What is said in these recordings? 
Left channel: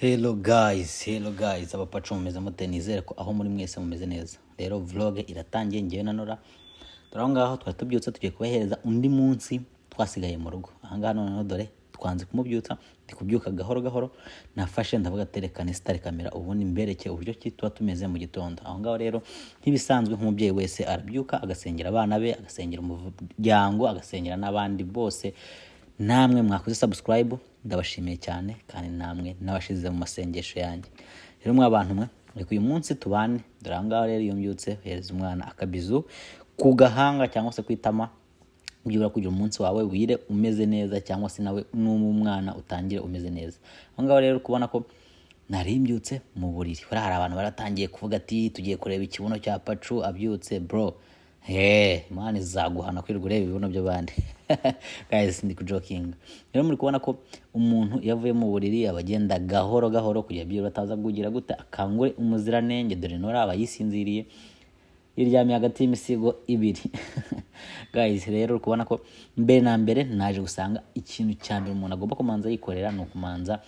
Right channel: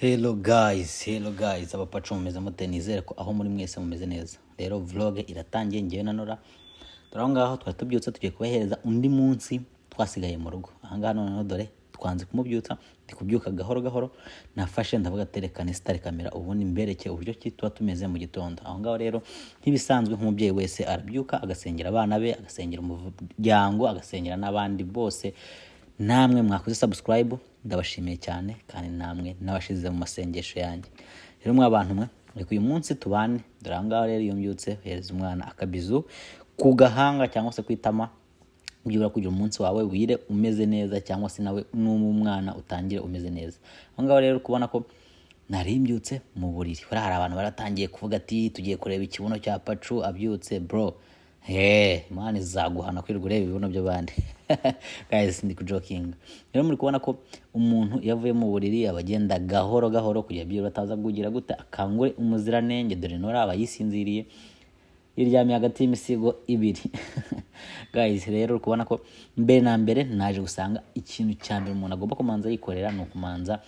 Hello guys, abapacu mumeze mute? Nizere ko aho muri mwese mumeze neza. Rero vlog iratangiye, ngewe na Nora turaho ngaho twari tubyutse tugiye kubahereza undi munsi twasigaye mu rugo. Aha ngaha noneho dore twanze kumubyutsa, ndi kubyuka gahoro gahoro, nafashe ndavuga terekane sitari kamera ubundi mbereke uburyo ki tuba tumeze mu gitondo. Aho ngaho rero nk'ibisanzwe nk'umubyeyi wese arabyuka agasengera abana be, agasengera umuryango, agasengera n'abandi bose. Namwe mwakoze subscribe ndabashimiye cyane, kandi namwe nabashize mu masengesho yanjye. Rero mwa bantu mwe reka uyu munsi tubane. Dore aha ngaho rero iyo mbyutse hereza umwana akabizu ku gahanga cyangwa se kwitama, byura kugira umunsi wawe wire umeze neza, cyangwa se nawe n'umwana utangire umeze neza. Aho ngaho rero kubona ko nari mbyutse mu buriri, hari abantu baratangiye kuvuga ati tugiye kureba ikibuno cya Pacu abyutse. Bro, Imana izaguhana kwirirwa ureba ibibuno by'abandi. Guys, ndi kujokinga. Rero muri kubona ko umuntu yavuye mu buriri abagenda gahoro gahoro kugira byiro bataza kugira gute akangure umuziranenge. Dore Nora abayisinziriye iryamye hagati y'imisigo ibiri. Guys, rero kubona ko mbere na mbere naje gusanga ikintu cya mbere umuntu agomba kumanza yikorera ni ukumanza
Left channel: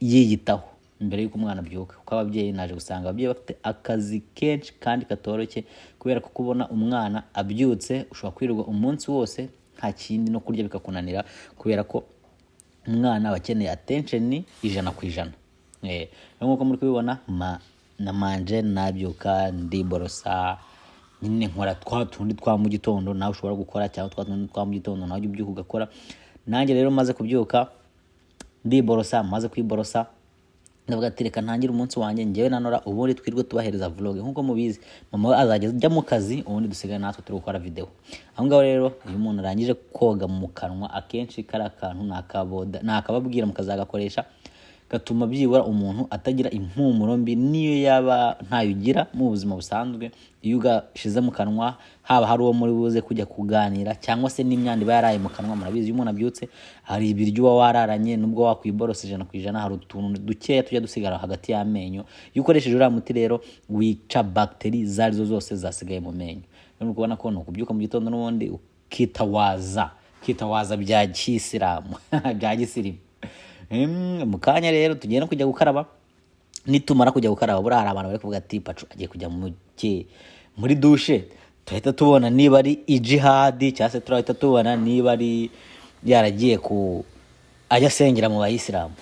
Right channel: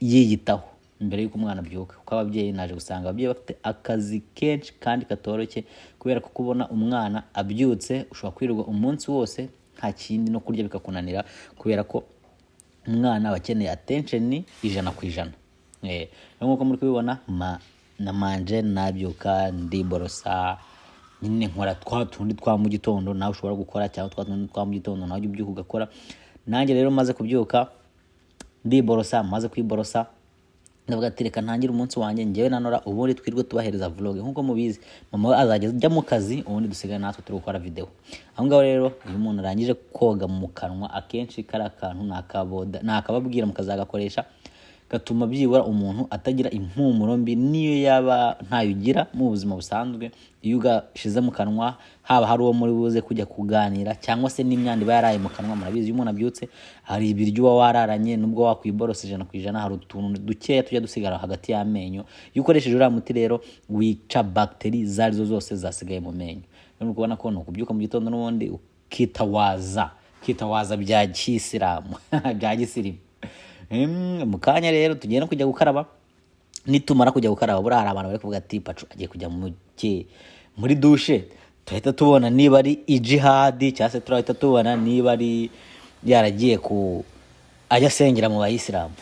yiyitaho mbere y'uko umwana abyuka. Kuko ababyeyi naje gusanga ababyeyi bafite akazi kenshi kandi katoroshye, kubera ko kubona umwana abyutse ushobora kwirirwa umunsi wose nta kindi no kurya bikakunanira, kubera ko umwana abakeneye attention ijana ku ijana. Nk'uko muri kubibona namanje nabyuka ndiborosa, nyine nkora twa tundi twa mu gitondo nawe ushobora gukora, cyangwa twa tundi twa mu gitondo nawe ubyuka ugakora. Nanjye rero maze kubyuka ndiborosa, maze kwiborosa ndavuga ati reka ntangire umunsi wanjye ngewe na Nora ubundi twirwe tubahereza vlog. Nkuko mubizi mama we azajya ajya mu kazi, ubundi dusigaye natwe turi gukora video. Aho ngaho rero iyo umuntu arangije koga mu kanwa, akenshi kari akantu nakababwira mukazagakoresha, gatuma byibura umuntu atagira impumuro mbi niyo yaba ntayugira mu buzima busanzwe. Iyo ugashize mu kanwa, haba hari uwo muri buze kujya kuganira, cyangwa se n'imyanda iba yaraye mu kanwa. Murabizi iyo umuntu abyutse hari ibiryo uba wararanye, nubwo wakwiborose 100%, hari utuntu dukeya tujya dusigara hagati y'amenyo. Iyo ukoresheje uriya muti rero wica bagiteri zarizo zose zasigaye mu menyo. Rero kubona ko nukubyuka mu gitondo n'ubundi ukitawaza bya kisilamu bya gisirimu. Mu kanya rero tugiye no kujya gukaraba. Nitumara kujya gukaraba, buri hari abantu bari kuvuga ati Pacu agiye kujya muri dushe, tuhita tubona niba ari ijihadi, cyangwa se turahita tubona niba ari yaragiye ajya asengera mu bayisilamu.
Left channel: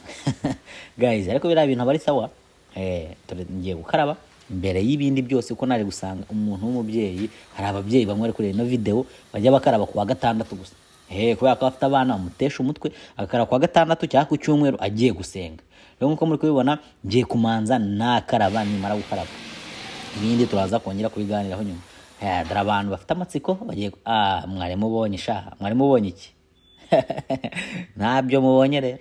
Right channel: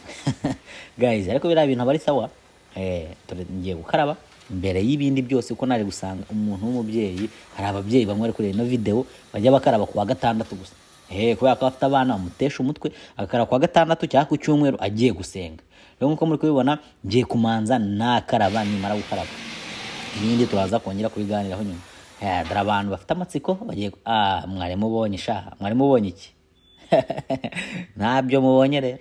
Guys, ariko biriya bintu bari sawa. Ngiye gukaraba mbere y'ibindi byose, kuko naje gusanga umuntu w'umubyeyi, hari ababyeyi bamwe bari kureba ino video bajya bakaraba ku wa gatandatu gusa. Kubera ko afite abana amutesha umutwe, akara kwa gatandatu cyangwa ku cyumweru agiye gusenga. Rero nkuko muri kubibona ngiye kumanza nakaraba, nimara gukaraba ibindi turaza kongera kubiganiraho nyuma. Dore abantu bafite amatsiko bagiye mwari mubonye iki? Ntabyo mubonye rero.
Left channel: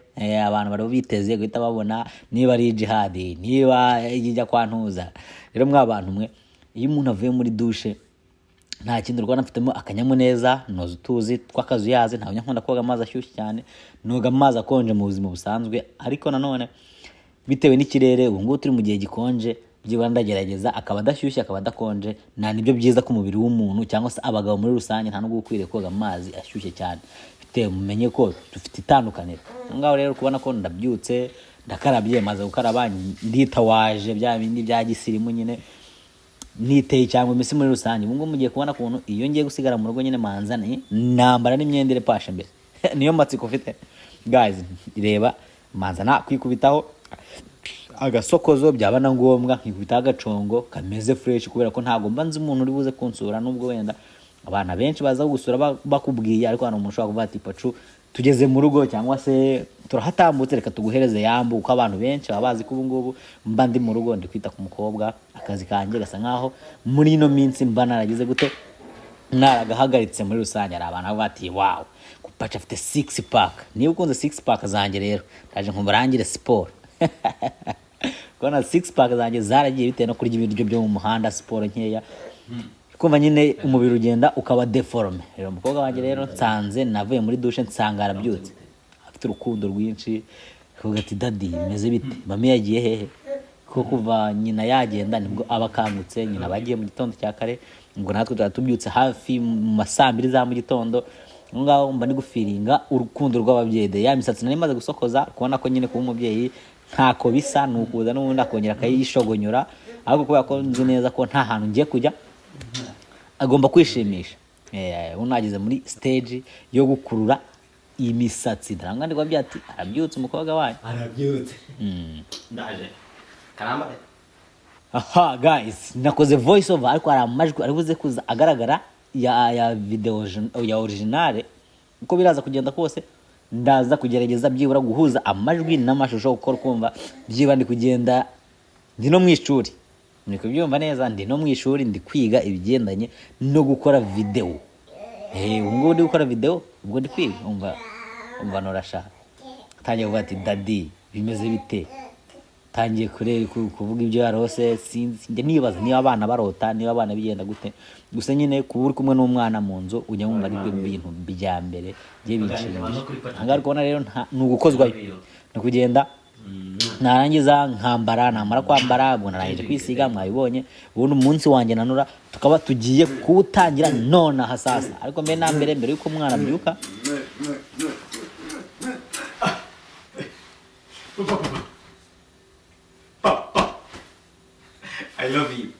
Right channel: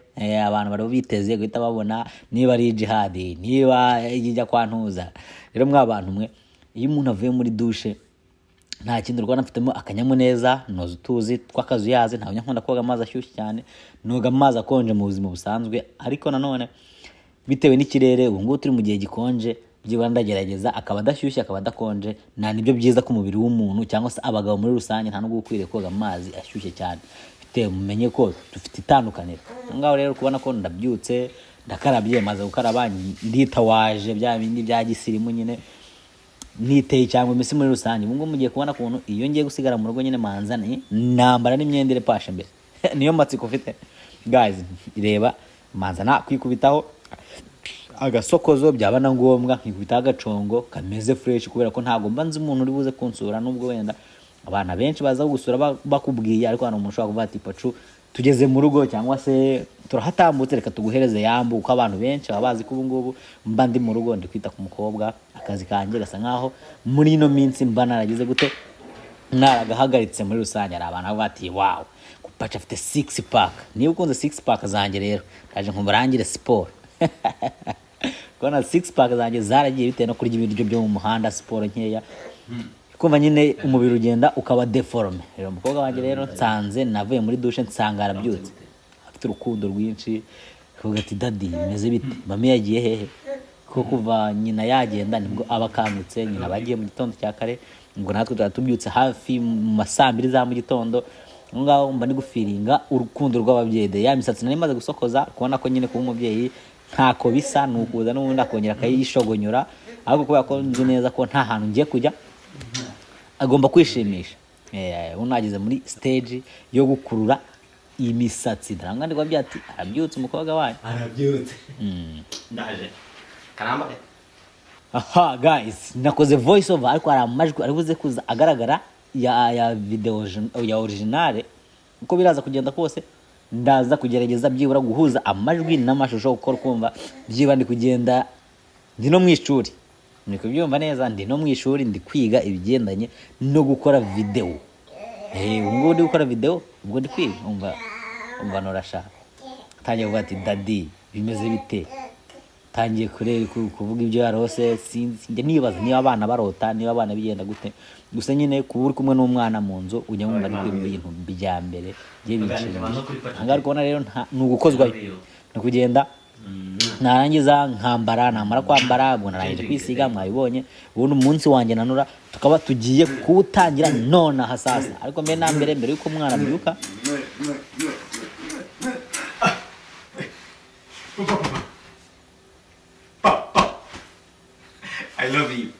Abantu bari biteze guhita babona niba ari jihadi, niba ijya kwantuza. Rero mwa bantu mwe, iyo umuntu avuye muri dushe nta kindi Rwanda mfitemo akanyamuneza, noza utuzi tw'akazu yaze. Ntabwo nkunda koga amazi ashyushye cyane, noga amazi akonje mu buzima busanzwe. Ariko nanone bitewe n'ikirere ubu ngubu turi mu gihe gikonje, byibura ndagerageza akaba adashyushye akaba adakonje. Nibyo byiza ku mubiri w'umuntu, cyangwa se abagabo muri rusange, nta nubwo ukwiriye koga amazi ashyushye cyane. Mumenye ko dufite itandukaniro. Ngaho rero kubona ko ndabyutse ndakarabye, maze gukaraba nditawaje bya bindi bya gisirimu nyine, niteye cyangwa imisi muri rusange. Ubwo mugiye kubona kuntu iyo ngiye gusigara mu rugo nyine manza nambara n'imyenda irepashe mbere. Niyo matsiko ufite. Guys, reba manza kwikubitaho agasokozo, byaba na ngombwa nkikubitaho agacongo kameze fresh, kubera ko ntago mbanze umuntu uri buze kunsura. Nubwo wenda abana benshi baza gusura bakubwiye, ariko hano umuntu ushobora kuvuga ati Pacu tugeze mu rugo, cyangwa se turahatambutse reka tuguhereze yambu. Uko abantu benshi baba bazi ko ubu ngubu mba ndi mu rugo ndi kwita ku mukobwa. Akazi kanjye gasa nkaho muri ino minsi mba naragize gute, naragahagaritse muri rusange. Hari abantu bavuga ati wow, Pacu afite 6 pack. Niba ukunze 6 pack zanjye rero ndaje nkumurangire siporo. Kona 6 pack zanjye zaragiye bitewe no kurya ibiryo byo mu muhanda, siporo nkeya, kumva nyine umubiri ugenda ukaba deforme. Rero umukobwa wanjye rero nsanze navuye muri dushe nsanga arabyutse, afite urukundo rwinshi. Kuvuga ati daddy bimeze bite, mami yagiye hehe? Kuko kuva nyina yagenda nibwo aba akangutse. Nyina bagiye mu gitondo cya kare, ngo natwe tubyutse hafi mu masambiri za mu gitondo. Ngaho mba ndi gufiringa urukundo rw'ababyeyi. Ya misatsi nari maze gusokoza, kubona ko nyine kuba umubyeyi ntako bisa nukuza n'ubundi akongera akayishogonyora ariko kubera ko nzi neza ko nta hantu ngiye kujya agomba kwishimisha unageze muri stage yo gukurura imisatsi ndaranga ndiko byati arabyutse umukobwa wanyu arabyutse ndaje karamba aha guys nakoze voice over ariko ari amajwi ari buze kuza agaragara ya video ya originale uko biraza kugenda kose ndaza kugerageza byibura guhuza amajwi n'amashusho uko kumva byiba ndi kugenda ndi no mwishuri ni kubyumva neza ndi no mwishuri ndi kwiga ibigendanye no gukora video ubwo ndi gukora video ubwo ndi kwiga umva norasha tangiye kuvuga ati daddy bimeze bite tangiye kuvuga ibyo yarose sinjye nibaza niba abana barota niba abana bigenda gute gusa nyine kuba uri kumwe n'umwana mu nzu ujya mu bari bintu bijya mbere bye binshimisha hanga kubona rero nugukozwayo no kugenda narangiza nkambara namara kwambara ubwo narangije kwisiga mwabibonye ubundi umunsi wanjye nanura tukaba tugiye kuwutangira none hasasa ariko mbere yuko umwana abyuka Papa, I love you.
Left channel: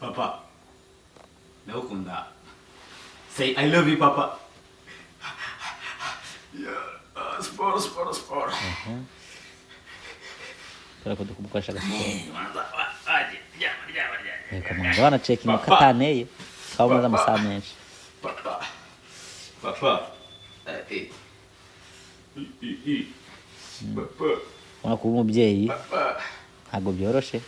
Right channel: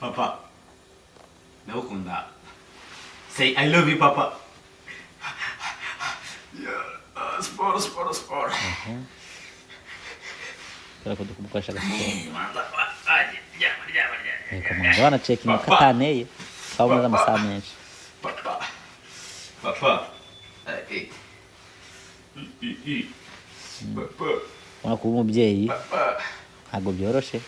Papa, nakukunda. Say I love you, Papa. Yeah, sport. Kora ko dukubukoresha gasiporo. Reka mwana bana checking kataneye. Twamaze amasaha menshi. Papa. Papa. Wana kuba umubyeyi ntabwo byoroshe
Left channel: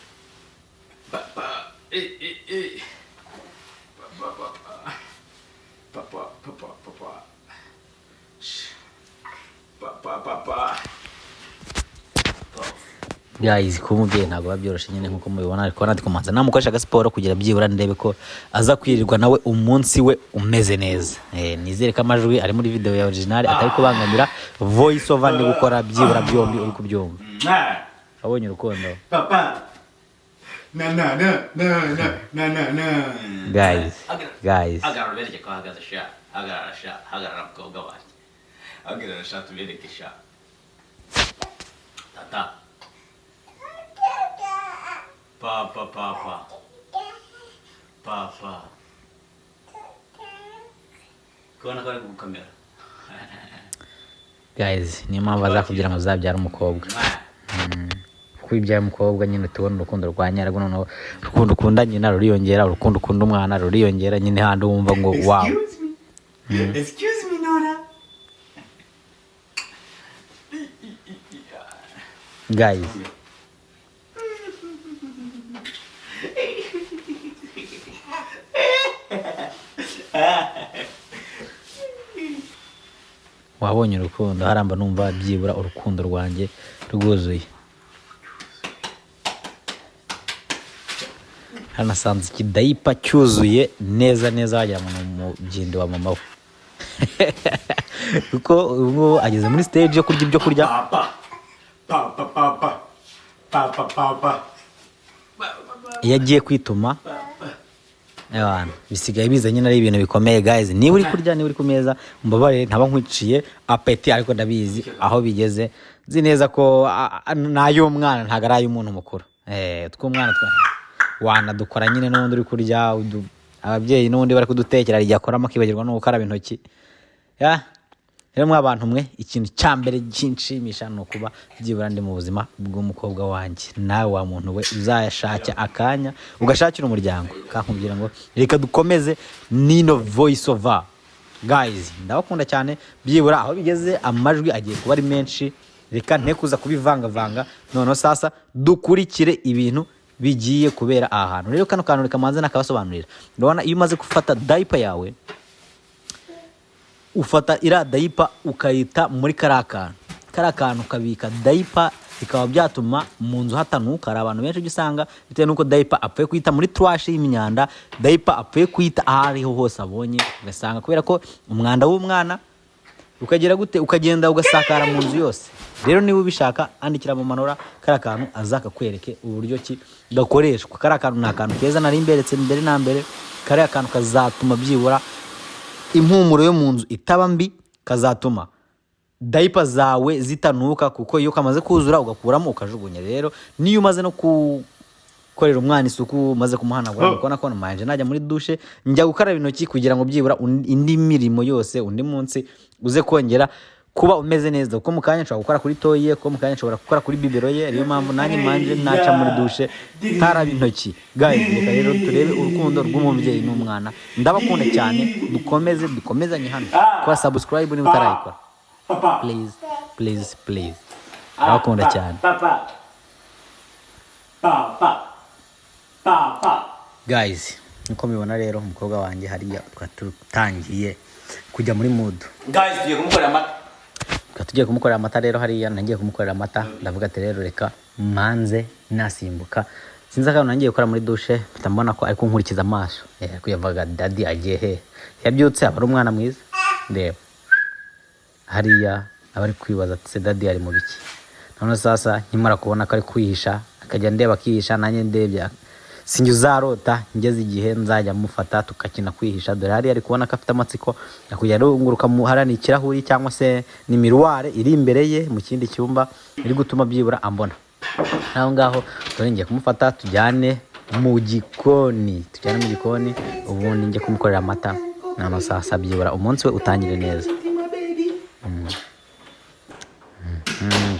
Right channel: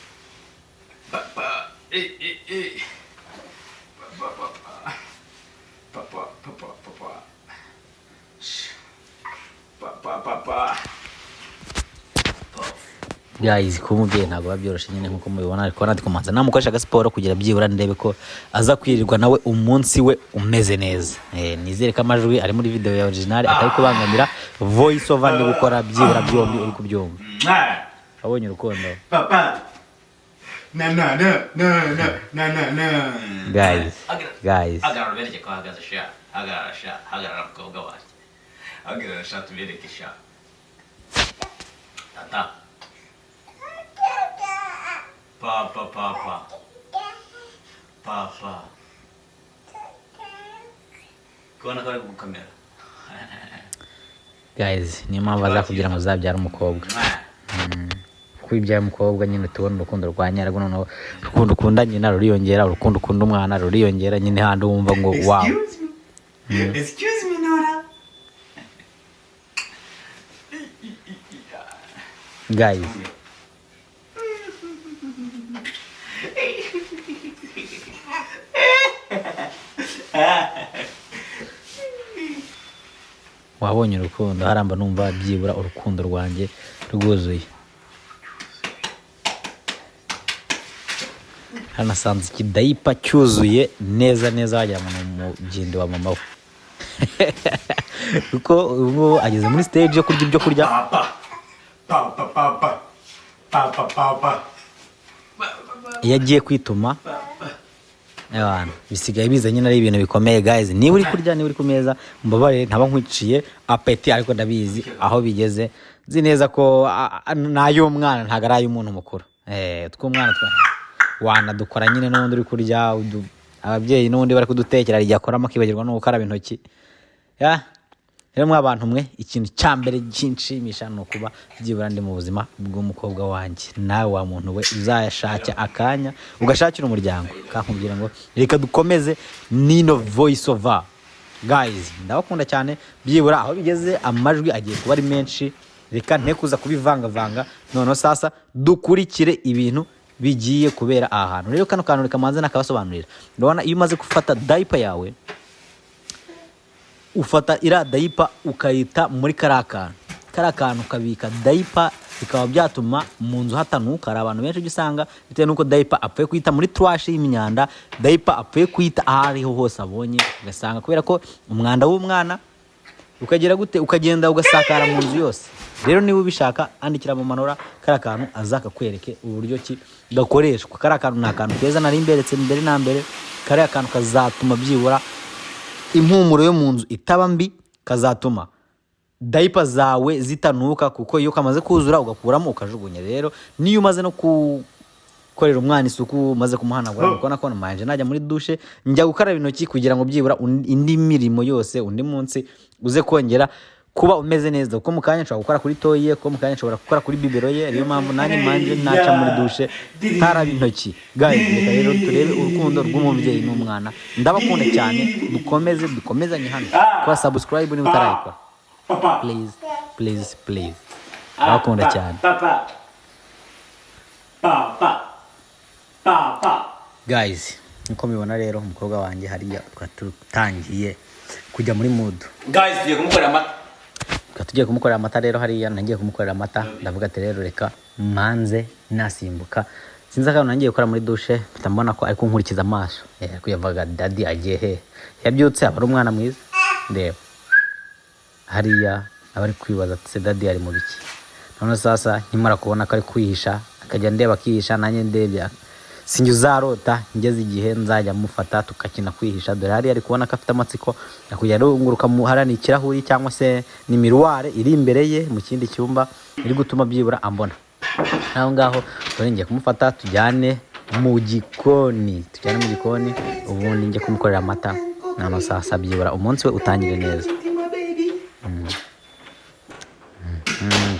guys kuba umubyeyi ntabwo biba byoroshye nyine nkuko mubibona ariko nandi kumanza namukoresha agasiporo kugira byibura ndebe ko aza kwirirwa nawe umunsi we umeze neza nizere ko amajwi ari muri video ya original atari kubangamira voice over ndi gukora byibura byombi uri kubyumva abonye urukundo Papa na guys agara bereke ko hagaze sha agara mukobwa wacu agara sha tubereke sha tata papa kona kare ku kamera guys ni mpamvu azakugira ngo uzabyara umukobwa kwibyaye umukobwa nyine tubona urukundo rwa nyarwo noneho urukundo ukunda nyina ruriyongera urukundo ukunda umwana ruriyongera nyine handi wumva ngo wow excuse me Nora guys wabonye urukundo haramba numva byibura urukundo rwanjye rwuzuye hanasanze ikidayipa cyuzuye neza wagira ngo mu byindi wa mama we kuko ubu ageze muri stage yo kurya ibyo kurya papa iyo agiye kwituma abantu bisigaye biza nyine ari ibintu bikomeye guys niba uri kurya niba uri ku meza mbabare ntaba nkwiciye apeti ariko ndabizi aho bigeze nzi neza ko nayo umwana ntago ari ay'umuntu mukuru tw'umwana wana dukora nyine n'ubundi uri kurya ababyeyi n'ubundi bari kudutekera rijya akoramo akibagirwa no gukaraba intoki rero mw'abantu mwe ikintu cya mbere ginshimisha no kuba byibura ndi mu buzima bw'umukobwa wanjye nawe wa muntu we uzayashaka akanya ugashakira umuryango kankubwira ngo reka dukomeze nino voice over guys ndabakunda cyane byibura aho bigeze amajwi agiye kuba ari menshi reka ntekuza kubivanga noneho sasa dukurikire ibintu bigiye kubera aha hantu rero kano kantu reka manze nakabasobanurira ndabona iyo umaze gufata diaper yawe ufata ira diaper ukayita muri karakantu ukabika diaper bikaba byatuma mu nzu hatanuka ari abantu benshi usanga bitewe nuko diaper apfuye kuyita muri trash y'imyanda diaper apfuye kuyita ahariho hose abonye ugasanga kubera ko umwanda w'umwana ukagera gute ukagenda ugasakara mu nzu yose rero niba ubishaka andikira mu manora karakantu azaka kwereke uburyo ki gakoreshwa karakantu nakantu keza nari imberetse mbere na mbere kare akantu kazatuma byibura impumuro yo mu nzu itaba mbi kazatuma diaper zawe zitanuka, kuko iyo kamaze kuzura ugakuramo ukajugunya. Rero niyo umaze no gukorera umwana isuku, maze kumuhanagura, ukabona ko namanje najya muri douche njya gukaraba intoki kugira ngo byibura indi mirimo yose undi munsi uze kongera kuba umeze neza, kuko mukanya nshobora gukora kuri toye, kuko mukanya nshobora gukora kuri bibero ye. Ariyo mpamvu nanjye manje naca muri douche nkaraba intoki. Guys, reka rero turebe urukundo rw'umubyeyi n'umwana. Ndabakunda cyane, dukomezanye hano. Kwa subscribe niba utarayikora, please. Ndabakunda cyane. Guys, nkuko mubibona rero umukobwa wanjye hariya twatutangiye kujya muri mood. Guys, tugiye kumukorera amata rero hariya nagiye kumukorera amata. Ndavuga ati rero reka manze nasimbuka. Sinzi akantu nagiye gukora muri douche, mbona ko ari kunkurikiza amaso. Kuyavuga daddy agiye he? Yabyutse aba ari umwana mwiza. Ndeba hariya abari kwibaza ati daddy ari mu biki. None sasa nkimara kubona ko ari kwihisha, akajya ndeba akihisha, nanjye ndebya sinjye uzarota ngeze igihe nzajya mufata tukakina kwihisha. Dore hari ari kubona ko afite amatsiko akujya runguruka harani ikirahuri cyangwa se ni miroir iri imbere ye mu kindi cyumba iri gutuma byibura ambona. Naho ngaho dore ngiye kumufata tujyane mu gikoni, ubundi njye kumukorera amata. Nano sasa byibura umunsi we utangire neza.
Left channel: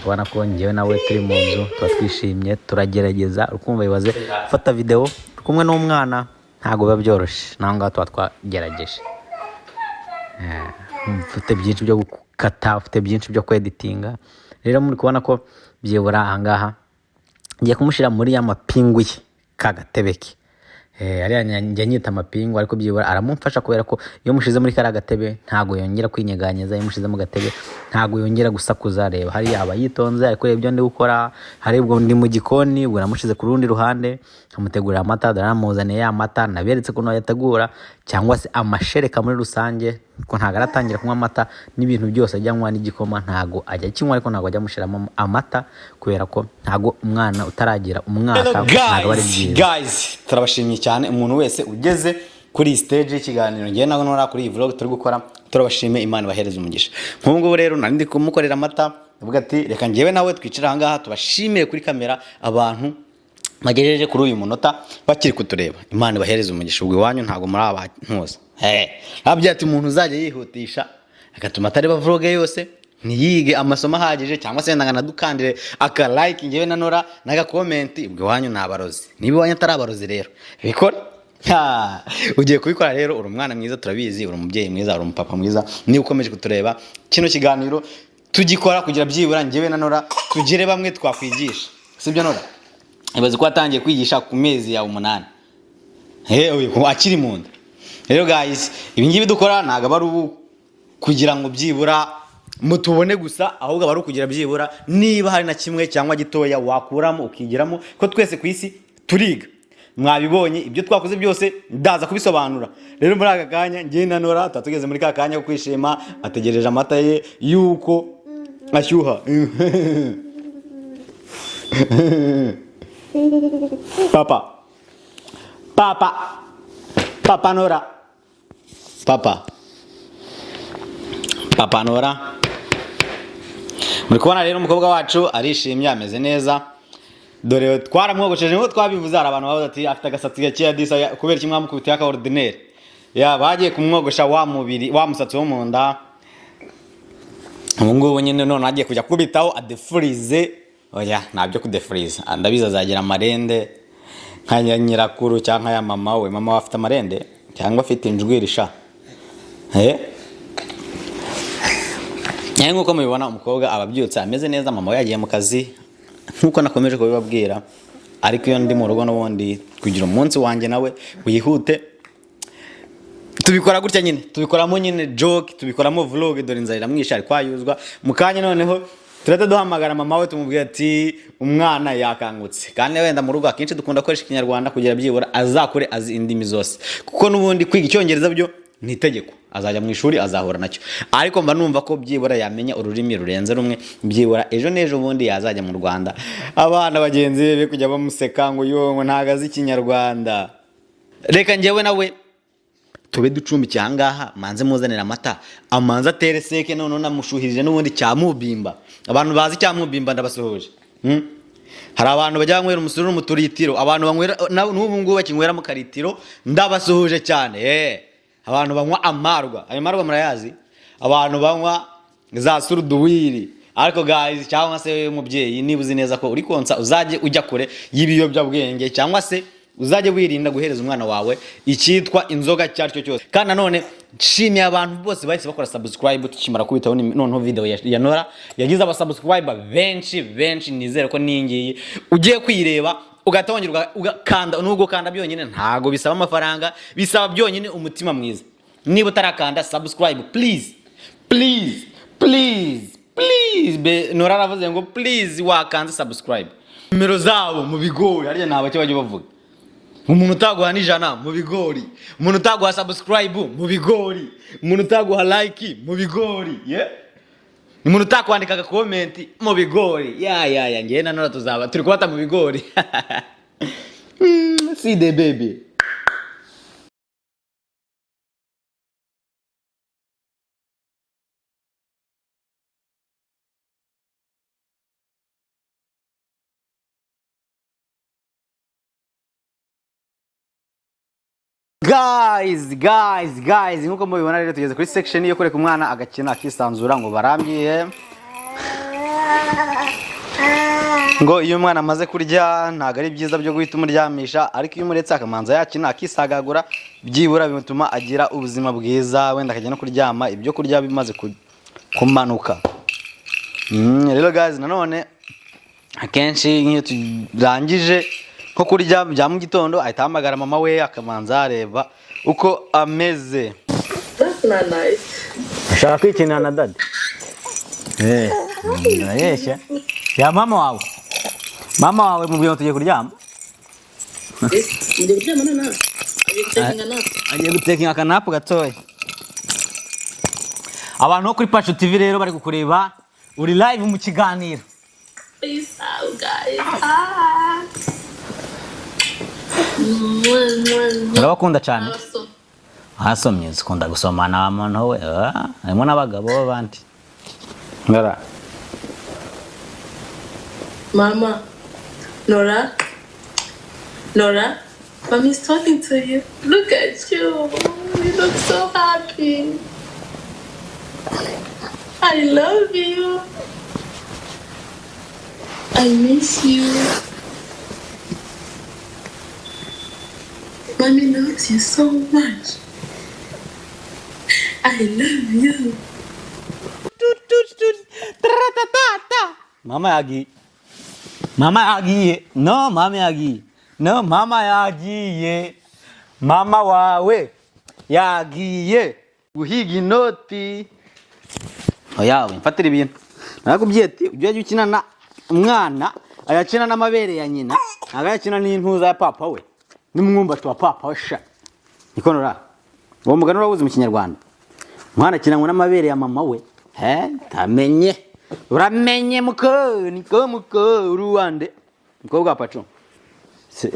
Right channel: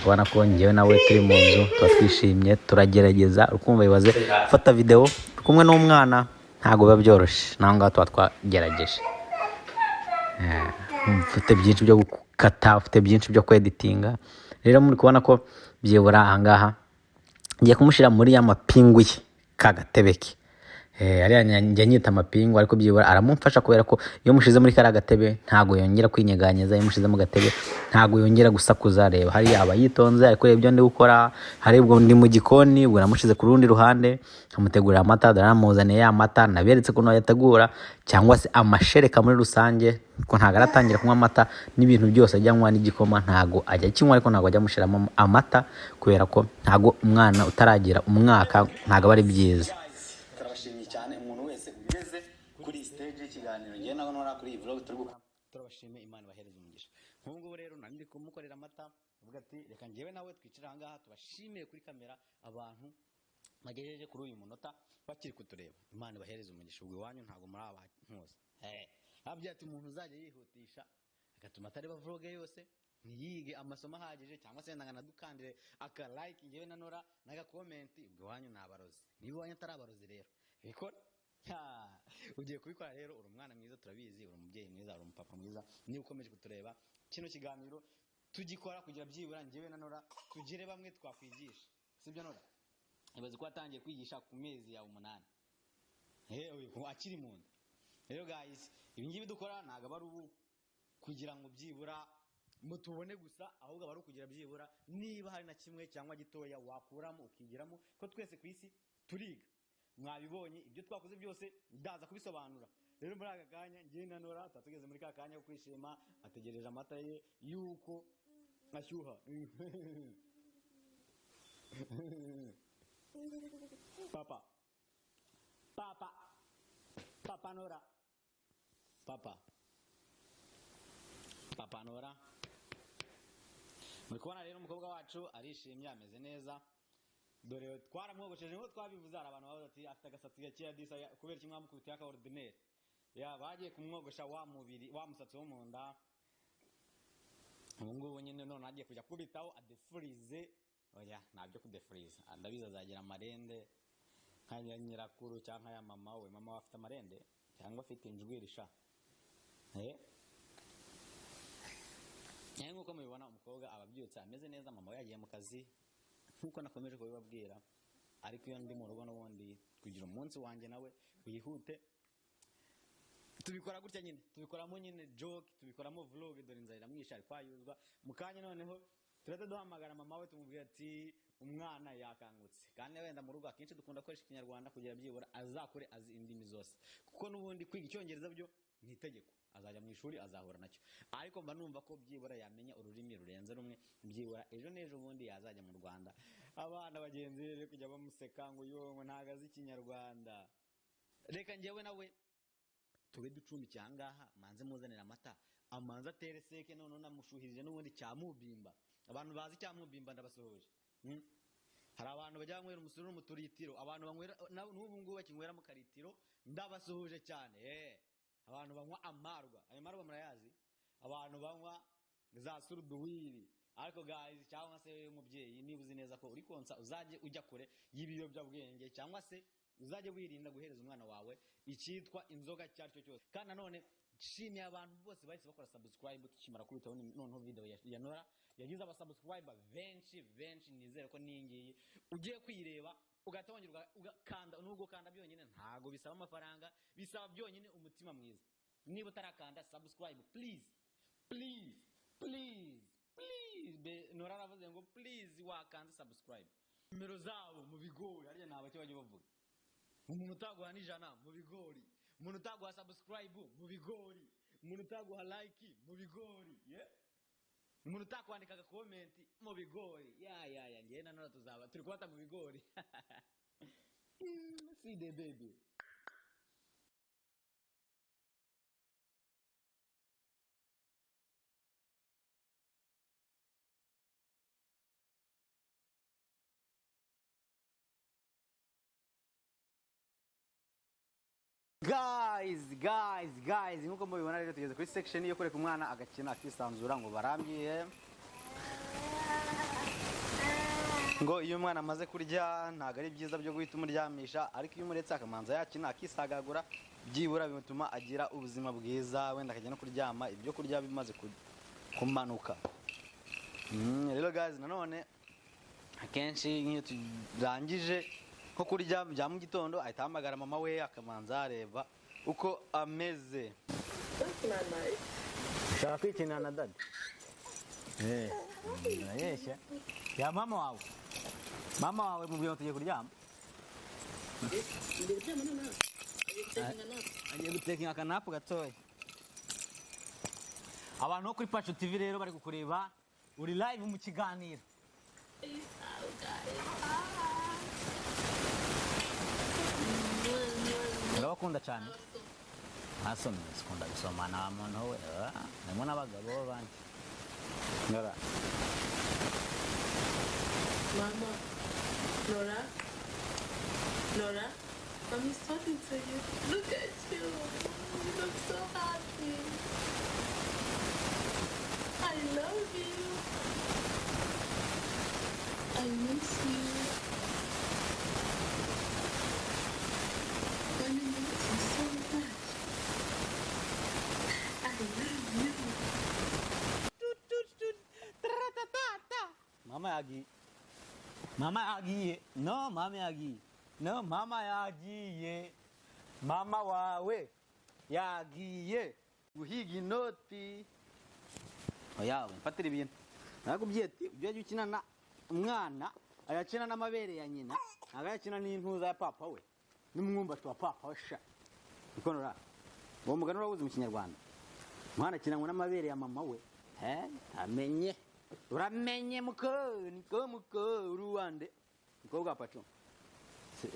Kubona ko ngewe nawe turi mu nzu tuba twishimye, turagerageza. Urukumva bibaze ufata video kumwe n'umwana ntago biba byoroshye. Naho ngaho tuba twagerageje. Ufite byinshi byo gukata, ufite byinshi byo kweditinga. Rero muri kubona ko byibura ahangaha ngiye kumushyira muri ya mapingu ye kagatebeke. Ariya njya nyita amapingu, ariko byibura aramumfasha kubera ko iyo mushize muri kara gatebe ntago yongera kwinyeganyeza. Iyo mushize mu gatebe ntago yongera gusakuza. Reba hariya aba yitonze ariko ibyo ndi gukora. Hari ubwo ndi mu gikoni, ubwo namushize ku rundi ruhande nkamutegurira amata. Ndaramuzaniye ya mata, naberetse ko yategura cyangwa se amashereka muri rusange, ko ntago aratangira kunywa amata n'ibintu byose ajya anywa n'igikoma ntago ajya kinywa, ariko ntago ajya mushiramo amata kubera ko ntago umwana utaragira umwaka ntago bari byiza. Guys, turabashimye cyane umuntu wese ugeze kuri stage y'ikiganiro ngiye nago nora kuri iyi vlog turi gukora. Turabashime, Imana bahereza umugisha. Nk'ubwo rero nari ndi kumukorera amata, ndavuga ati reka ngewe nawe twicara aha ngaha tubashimire kuri kamera abantu magejeje kuri uyu munota bakiri kutureba. Imana bahereza umugisha. Ubwo iwanyu ntago muri abantuza. Nabyo ati umuntu uzajya yihutisha agatuma atareba vlog yose, ntiyige amasomo ahagije, cyangwa se ndangana dukandire aka like ngewe na Nora naga comment. Ubwo iwanyu nabarozi. Niba iwanyu atari abarozi rero bikora. Ugiye kubikora rero. Uri umwana mwiza, turabizi. Uri umubyeyi mwiza, uri umupapa mwiza. Niba ukomeje kutureba kino kiganiro tugikora kugira byibura ngewe na Nora tugire bamwe twakwigisha. Sibyo Nora? Ibaze ko atangiye kwigisha ku mezi ya 8. Akiri mu nda. Rero guys, ibi ngibi dukora ntago bari kugira ngo byibura mutubone gusa, ahubwo bari kugira byibura niba hari na kimwe cyangwa gitoya wakuramo ukigiramo, ko twese ku isi turiga. Mwabibonye ibyo twakoze byose ndaza kubisobanura. Rero muri aka kanya ngiye na Nora tatugeze muri ka kanya ko kwishima, ategereje amata ye yuko ashyuha. Papa Nora. Papa Nora. Muri kubona rero umukobwa wacu arishimye, ameze neza. Dore twaramwogosheje ngo twabivuze, hari abantu bavuze ati afite agasatsi gake disa kubera kimwe mukubitiye aka ordinaire. Bagiye kumwogosha wa mubiri wa musatsi wo mu nda. Ubu ngubu nyine none agiye kujya kubitaho adefrize. Oya, ntabyo kudefrize. Ndabiza azagira amarende nka nyirakuru cyangwa ya mama we. Mama afite amarende cyangwa afite injwiri sha. Nkuko mubibona umukobwa ababyutse ameze neza. Mama we yagiye mu kazi nkuko nakomeje kubibabwira, ariko iyo ndi mu rugo n'ubundi kugira umunsi wanjye nawe wihute tubikora gutya nyine, tubikoramo nyine joke, tubikoramo vlog. Dore inzara mwisha ari kwayuzwa mu kanya. Noneho turate duhamagara mama we tumubwira ati umwana yakangutse. Kandi wenda mu rugo akenshi dukunda gukoresha Ikinyarwanda kugira byibura azakure azi indimi zose, kuko n'ubundi kwiga Icyongereza byo ni itegeko. Azajya mu ishuri azahura nacyo, ariko mba numva ko byibura yamenya ururimi rurenze rumwe. Byibura ejo n'ejo bundi yazajya mu Rwanda, abana bagenzi be kujya bamuseka ngo yongo ntago azi Ikinyarwanda. Reka ngewe nawe tube ducumbikiye ahangaha manze muzanira amata amanza atere seke none namushuhirije n'ubundi cyamubimba abantu bazi cyamubimba ndabasuhuje hari abantu bajya banywera umusuru mu turitiro abantu banywera n'ubu ngubu bakinywera mu karitiro ndabasuhuje cyane abantu banywa amarwa ayo marwa murayazi abantu banywa za suruduwiri ariko guys cyangwa se umubyeyi niba uzi neza ko uri konsa uzaje ujya kure y'ibiyobyabwenge cyangwa se uzaje wirinda guhereza umwana wawe icyitwa inzoga cyaricyo cyose kandi nanone nshimiye abantu bose bahise bakora subscribe tukimara kubitaho noneho video ya Nora yagize abasubscriber benshi nizere ko ningiye ugiye kwireba ugatongera ugakanda nubwo kanda byonyine ntago bisaba amafaranga bisaba byonyine umutima mwiza niba utarakanda subscribe please Nora aravuze ngo please wakanze subscribe nimero zabo mu bigori ariya ntabacyo bajye bavuga umuntu utaguha n'ijana mu bigori umuntu utaguha subscribe mu bigori umuntu utaguha like mu bigori umuntu utakwandika comment mu bigori ngiye na Nora tuzaba turi kubata mu bigori see the baby. Guys nkuko mubibona rero tugeze kuri section yo kureka umwana agakina akisanzura ngo barambiye ngo iyo umwana amaze kurya ntago ari byiza byo guhita umuryamisha ariko iyo umuretse akamanza yakina akisagagura byibura bituma agira ubuzima bwiza wenda akajya no kuryama ibyo kurya bimaze kumanuka rero guys nanone akenshi nk'iyo turangije ko kurya bya mu gitondo ahita hamagara mama we akamanza areba uko ameze. That's not nice. Ashaka kwikinira na dad. Yesha. Ya mama wawe mubwiye tugiye kuryama. Ngiye kuryama nana. Agiye gutekinga akanapu gatoya. Abantu bo kuri Pacho TV rero bari kukureba uri live mu kiganiro. Peace out guys. Urabakunda cyane hasomye zikunda gusomana abantu we harimo n'abagabo b'abandi Nora Mama Nora Mommy's talking to you. Look at you look so happy. I love you. I miss you. Mommy loves you so much. I love you. Mama yagiye. No, mama yagiye. Mama wawe yagiye guhiga inoti. Oya, mfatira ibintu. Nakubwiye ati ujye ukina na umwana ayakina n'amabere ya nyina, agakina n'intuza ya papa we. Nimwumbati wa papa washa. Niko Nora. Uwo mugano urabuze mu Kinyarwanda. Mwana kinangwa n'amabere ya mama we. Tamenye. Uramenye muko uruwande. Mukobwa wa Pacho.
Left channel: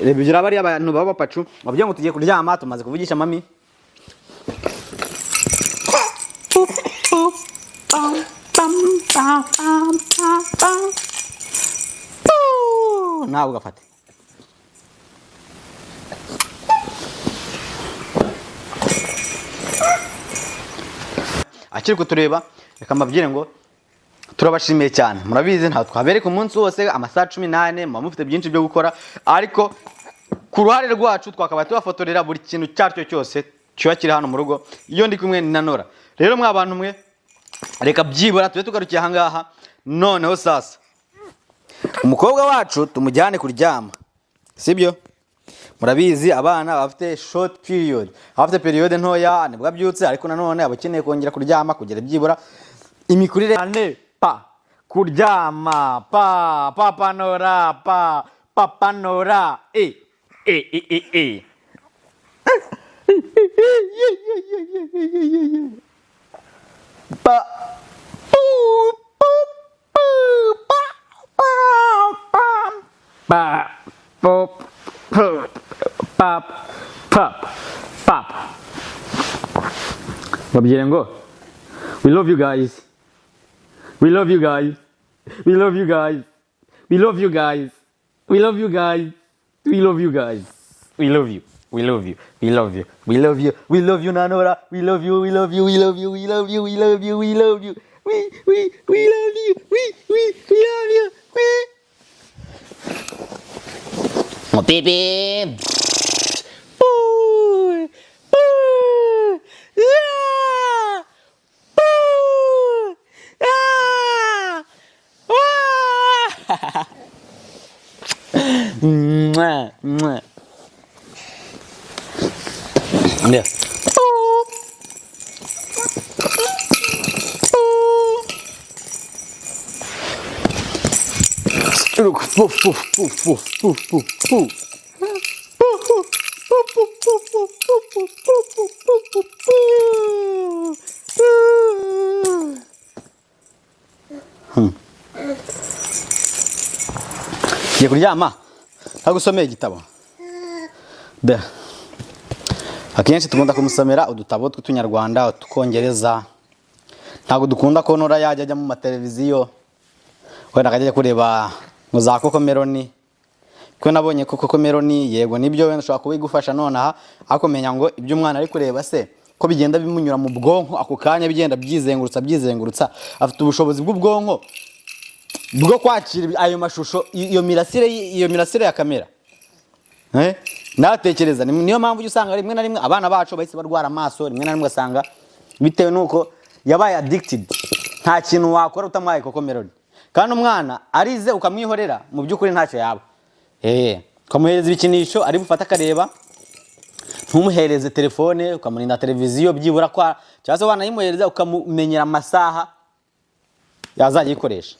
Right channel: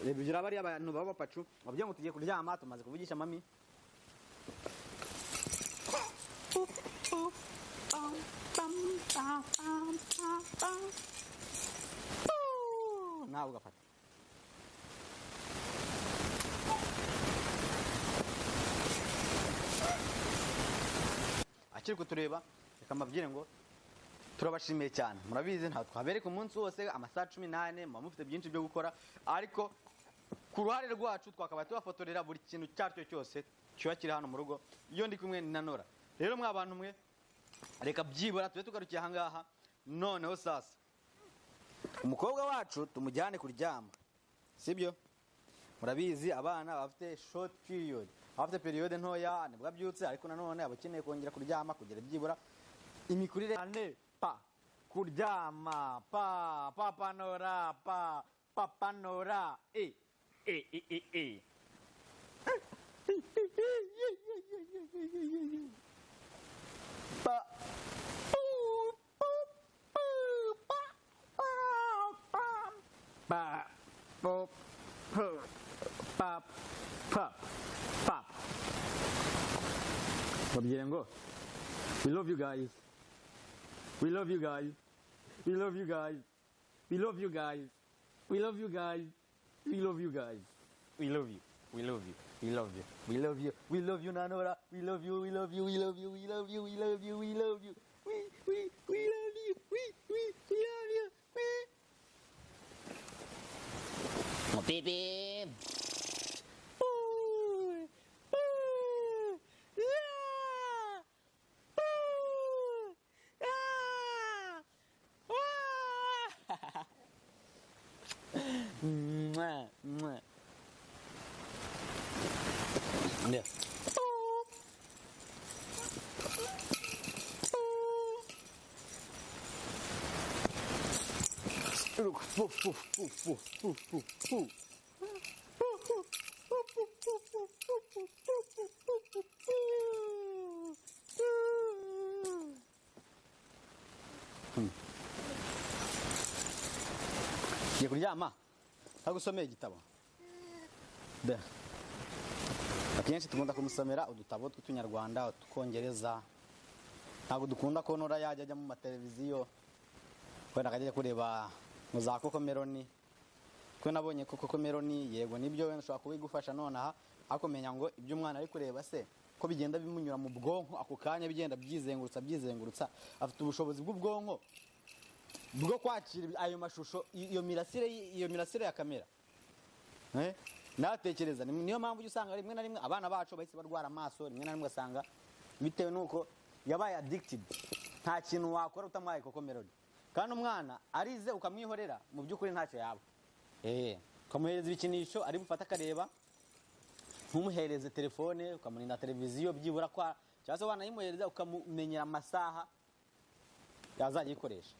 Rebigira bari abantu baba Pacho. Bavuye ngo tugiye kuryama tumaze kuvugisha mami. Nawe ugafata. Akiri kutureba reka mbabwire ngo turabashimiye cyane murabizi nta twabereka umunsi wose amasaha 18 mufite byinshi byo gukora ariko ku ruhare rwacu twakaba tubafotorera buri kintu cyaryo cyose cyo kiri hano mu rugo iyo ndi kumwe na Nora rero mwa bantu mwe reka byibura tube tugarukiye ahangaha noneho sasa umukobwa wacu tumujyane kuryama sibyo murabizi abana bafite short period afite period ntoya nibwo abyutse ariko nanone abakeneye kongera kuryama kugera byibura imikurire ane pa kuryama papa Nora papa Nora pa pop babwire ngo we love you guys, we love you guys, we love you guys, we love you guys, we love you guys, we love you guys, we love you, we love you, we love you, we love you, we love you Nanora, we love you, we love you, we love you, we love you, we love you, we love you, we love you, we love you, oh baby. Mwah, mwah. Yeah. Look, poof, poof, poof, poof, poof, poof, poof. Ngiye kuryama ntagusomeye igitabo. Akenshi tugunda kumusomera udutabo tw'Utunyarwanda, Utukongereza. Ntabwo dukunda ko Nora yajya ajya mu mateleviziyo. Wenda akajya kureba mu za Koko Meloni. Ko nabonye ko Koko Meloni yego nibyo wenda ushobora kubigufasha nonaha akomenya ngo ibyo umwana ari kureba se ko bigenda bimunyura mu bwonko ako kanya bigenda byizengurutsa afite ubushobozi bw'ubwonko bwo kwakira ayo mashusho iyo mirasire ya kamera. Natekereza niyo mpamvu usanga rimwe na rimwe abana bacu bahise barwara amaso, rimwe na rimwe asanga bitewe nuko yabaye addicted. Nta kintu wakora utamaye Koko Meloni. Kandi umwana arize ukamwihorera mu by'ukuri ntacyo yaba. Ukamuhereza ibikinisho ari bufata akareba, ntumuhereze telefone, ukamurinda televiziyo byibura kwa cyangwa se wanayimuhereza ukamumenyera amasaha yazajya yikoresha.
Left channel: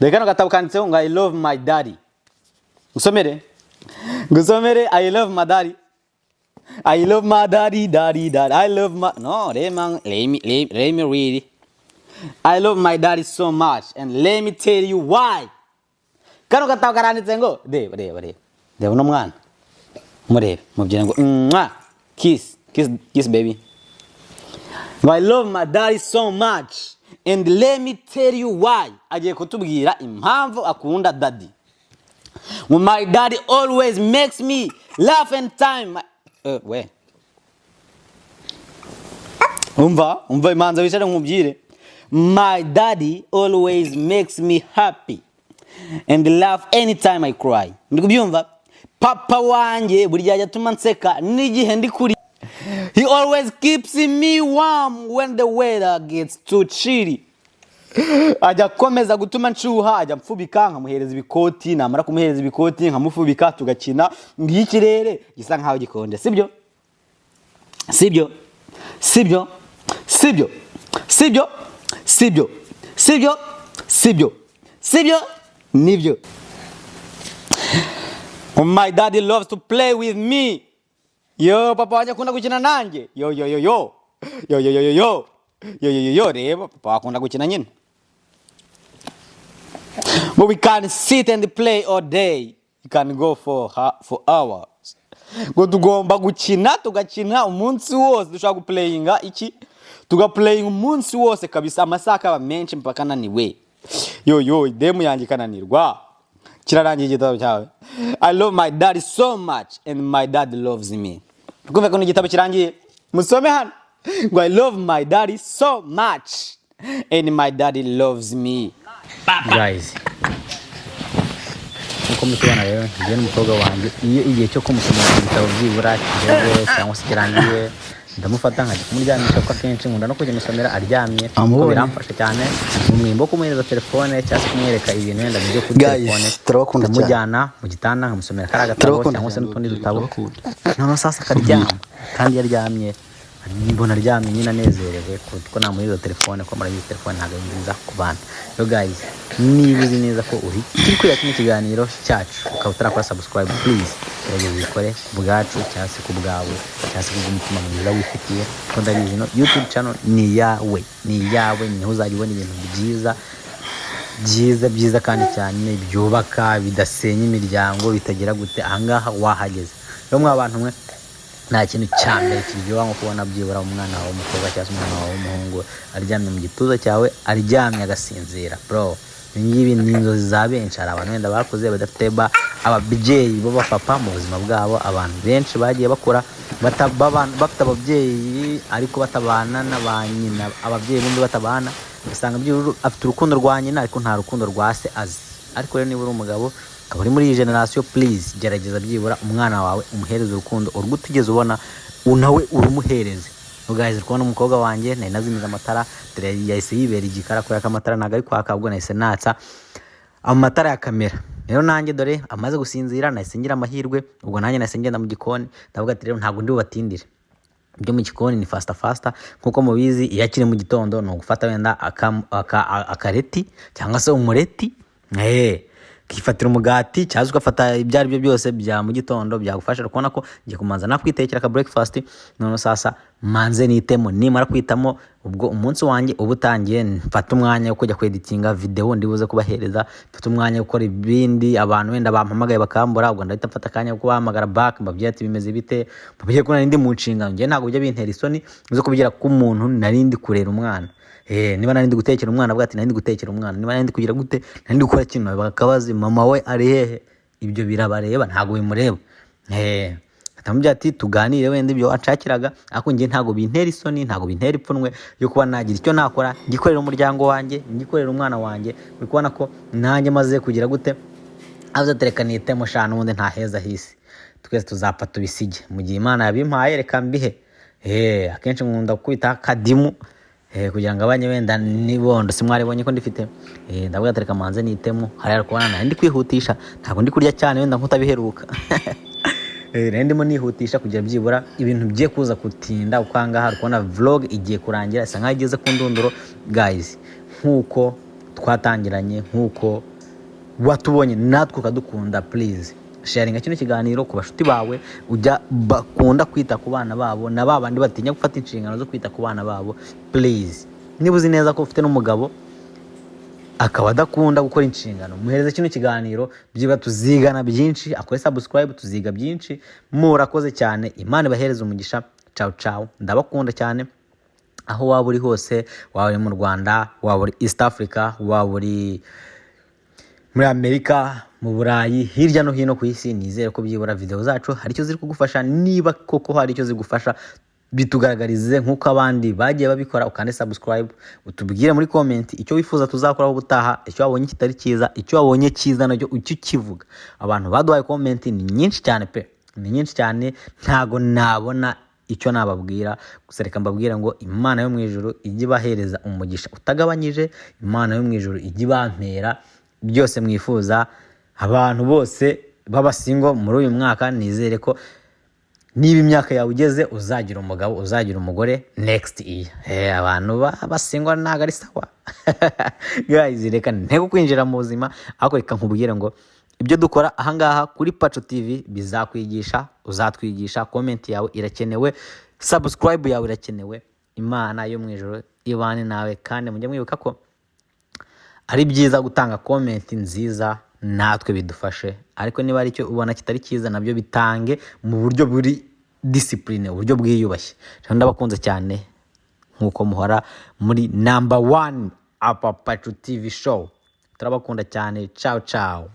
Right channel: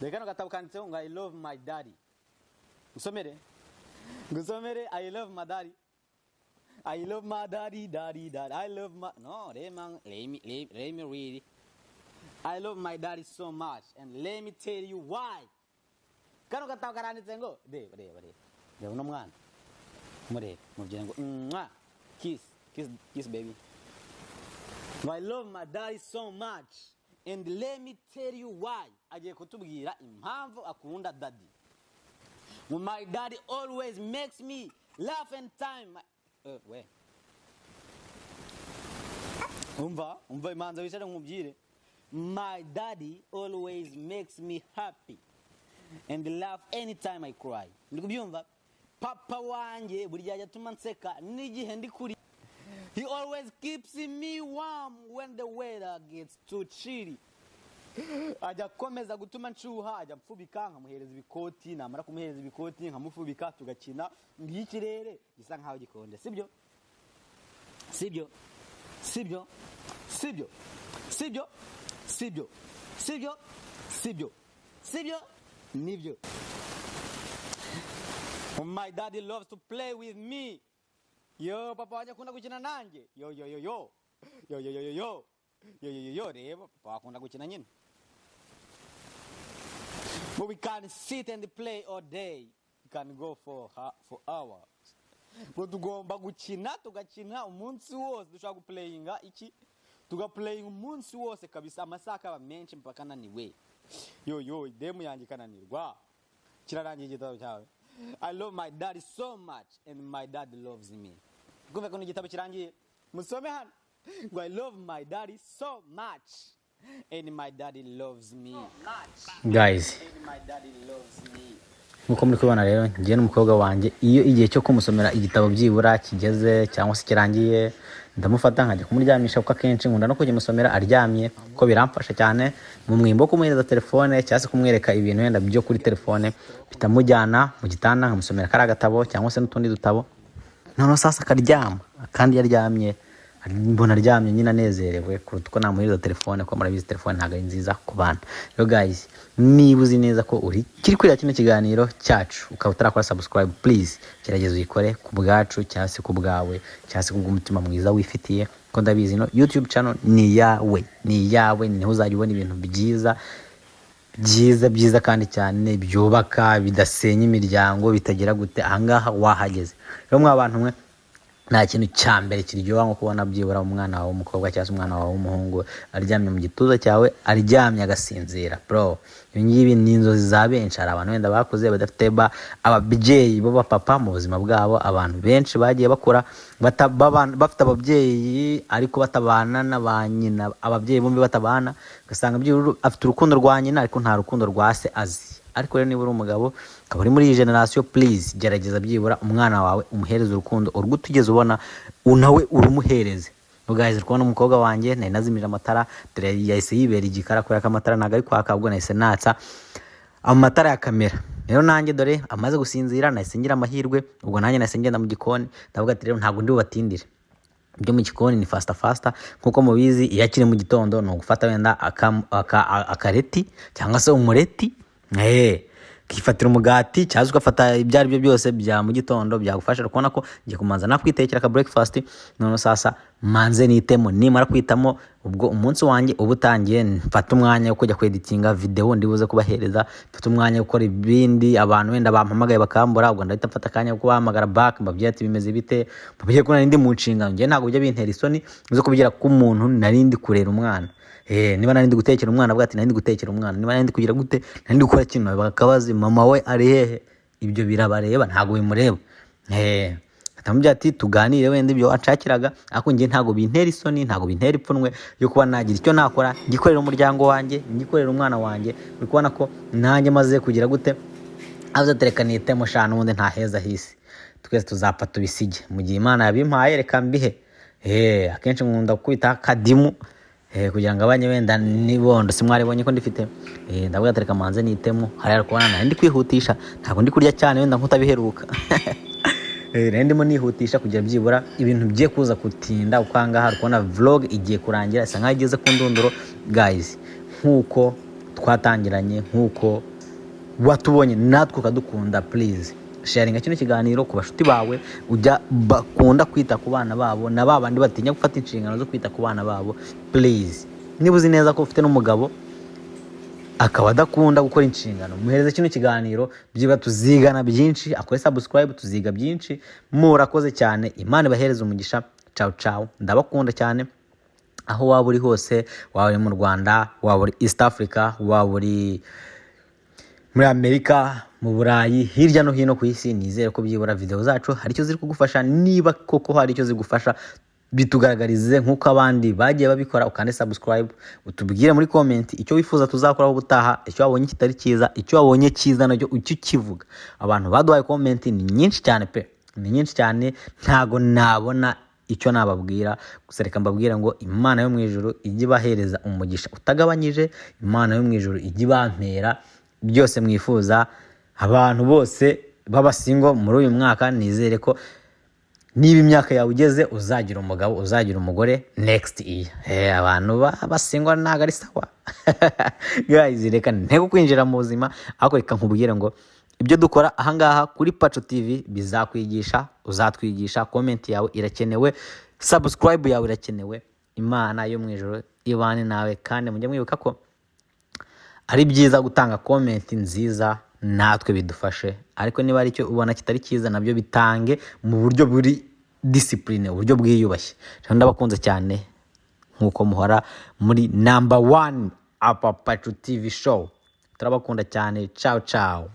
Dore kano gatabo kanditseho ngo I love my daddy. Ngusomere I love my daddy. I love my daddy. I love my no, let me read. I love my daddy so much and let me tell you why. Kano gatabo karanditse ngo reba uno mwana murebe mubyina ngo kiss baby. I love my daddy so much and let me tell you why. Agiye kutubwira impamvu akunda daddy. My daddy always makes me laugh and time. Umva imanza wicare nkubwire. My daddy always makes me happy and laugh anytime I cry. Ndikubyumva? Papa wanjye buri gihe atuma nseka n'igihe ndi kuri. He always keeps me warm when the weather gets too chilly. Ajya komeza gutuma nshuha, ajya mfubika nkamuhereza ibikoti, namara kumuhereza ibikoti nkamufubika tugakina ngikirere gisa nkaho gikonje. Sibyo nibyo. My daddy loves to play with me. Yo papa wanjye akunda gukina nanjye. Yo reba papa akunda gukina nyine. But we can sit and play all day. You can go for hours. Ngo tugomba gukina tugakina umunsi wose, dushaka guplayinga iki tugaplayinga umunsi wose kabisa, amasaha akaba menshi mpaka naniwe. Yo demu yanjye kananirwa kirarangiye igitabo cyawe. I love my daddy so much and my dad loves me. Kumva ko igitabo kirangiye musome hano ngo I love my daddy so much and my daddy loves me. Guys, uko mutubona rero ngiye n'umukobwa wanjye iyo igihe cyo kumusomera igitabo byibura kigeze cyangwa se kirangiye ndamufata nkajya kumuryamisha kuko akenshi nkunda no kujya musomera aryamye kuko biramfasha cyane mu mwimbo kumuhereza telefone cyangwa se kumwereka ibintu wenda byo kuri telefone, ndamujyana mu gitanda nkamusomera kari agatabo cyangwa se n'utundi dutabo, noneho sasa akaryama kandi yaryamye mbona aryamye nyine anezerewe kuko namuhereza telefone ko murabizi telefone ntabwo ari nziza ku bana. Yo guys, niba uzi neza ko uri kiri kureba kino kiganiro cyacu ukaba utarakora subscribe, please gerageza uyikore ku bwacu cyangwa se ku bwawe cyangwa se kubw'umutima mwiza wifitiye, kuko ndabizi no YouTube channel ni yawe niho uzajya ubona ibintu byiza kandi cyane byubaka bidasenya imiryango bitagira gute. Ahangaha wahageze rero mwa bantu mwe nta kintu cya mbere kiryoha nko kubona byibura umwana wawe w'umukobwa cyangwa umwana wawe w'umuhungu aryamye mu gituza cyawe, aryamye agasinzira. Bro, ibi ngibi ni inzozi za benshi. Hari abantu wenda bakuze badafite ababyeyi b'abapapa mu buzima bwabo. Abantu benshi bagiye bakura bafite ababyeyi ariko batabana na ba nyina, ababyeyi bombi batabana, ugasanga byibura afite urukundo rwa nyina ariko nta rukundo rwa se azi. Ariko rero niba uri umugabo ukaba uri muri iyi generasiyo, please gerageza byibura umwana wawe umuhereze urukundo urwo utigeze ubona, nawe urumuhereze. Guys, kubona umukobwa wanjye nari nazimije amatara, dore yahise yibera igikara kubera ko amatara ntago ari kwaka, ubwo nahise natsa amatara ya kamera. Rero nanjye dore amaze gusinzira nahise ngira amahirwe, ubwo nanjye nahise ngenda mu gikoni, ndavuga ati rero ntabwo ndi bubatindire. Ibyo mu gikoni ni fasta nkuko mubizi, iyo akiri mu gitondo ni ugufata wenda akareti cyangwa se umureti, kifatira umugati cyangwa ugafata ibyo ari byo byose bya mu gitondo byagufasha kubona ko ngiye kumanza nakwitekera ka breakfast. None sasa manze nitemo, nimara kwitamo ubwo umunsi wanjye uba utangiye, mfata umwanya wo kujya kweditinga video ndibuze kubahereza, mfata umwanya wo gukora ibindi. Abantu wenda bampamagaye bakambura, ubwo ndahita mfata akanya ko kubahamagara back, mbabwira ati bimeze bite, mbabwira ko narindi mu nshingano. Ngiye ntabwo bijya bintera isoni zo kubigira ko umuntu narindi kurera umwana. Niba narindi gutekera umwana avuga ati narindi gutekera umwana, niba narindi kugira gute, narindi gukora kintu, bakabaza mama we ari hehe. Ibyo birabareba, ntago bimureba. Atamubwira ati tuganire wenda ibyo wacakiraga, ariko ngiye ntago bintera isoni, ntago bintera ipfunwe yo kuba nagira icyo nakora, ngikorera umuryango wanjye, ngikorera umwana wanjye. Uri kubona ko nanjye maze kugira gute, avuze tereka nitemo shana ubundi nta heza hisi, twese tuzapfa tubisige mu gihe Imana yabimpaye, reka mbihe. Akenshi nkunda kwita kadimu kugira ngo abanye wenda nibondo simwaribonye ko ndifite. Ndavuga tereka manze nitemo, hari kubona nari ndi kwihutisha, ntabwo ndi kurya cyane wenda nkutabiheruka. Ndimo nihutisha kugira byibura ibintu bye kuza kutinda, ukanga hari kubona vlog igiye kurangira, isa nkaho igeze ku ndunduro. Guys, nkuko twatangiranye, nkuko watubonye natwe ukadukunda, please sharinga kino kiganiro ku bashuti bawe ujya bakunda kwita ku bana babo, na babandi batinya gufata inshingano zo kwita ku bana babo. Please, niba uzi neza ko ufite n'umugabo akaba adakunda gukora inshingano, muhereze kino kiganiro, byiba tuzigana byinshi. Akore subscribe, tuziga byinshi. Murakoze cyane, Imana ibahereze umugisha. Ciao ciao, ndabakunda cyane aho waba uri hose, waba uri mu Rwanda, waba uri East Africa, waba uri muri Amerika, mu Burayi, hirya no hino ku isi. Nizere ko byibura video zacu hari icyo ziri kugufasha. Niba koko hari icyo zigufasha, bitugaragarize nkuko abandi bagiye babikora, ukande subscribe, utubwire muri comment icyo wifuza tuzakoraho ubutaha, icyo wabonye kitari cyiza, icyo wabonye cyiza nacyo icyo kivuga. Abantu baduhaye comment ni nyinshi cyane pe, ni nyinshi cyane, ntago nabona icyo nababwira. Gusa reka mbabwira ngo Imana yo mu ijuru ijye bahereza umugisha utagabanyije, Imana yo mu ijuru ijye bampera byose mwifuza. Abantu bose b'abasingo muri uyu mwaka, nizere ko niba imyaka yawe ugeze uzagira umugabo, uzagira umugore next year. Abantu b'abasingo ntago ari sawa. Guys, reka ntego kwinjira mu buzima, ariko reka nkubwire ngo ibyo dukora ahangaha kuri Paco TV bizakwigisha, uzatwigisha. Comment yawe irakenewe, subscribe yawe irakenewe. Imana yo mu ijuru ibane nawe, kandi mujye mwibuka ko ari byiza gutanga comment nziza, natwe bidufashe. Ariko niba ari cyo ubona kitari cyiza, nabyo bitange mu buryo buri discipline, uburyo bwiyubashye. Ndabakunze cyane nkuko muhora muri number 1 apa Paco TV show. Turabakunda cyane. Ciao ciao.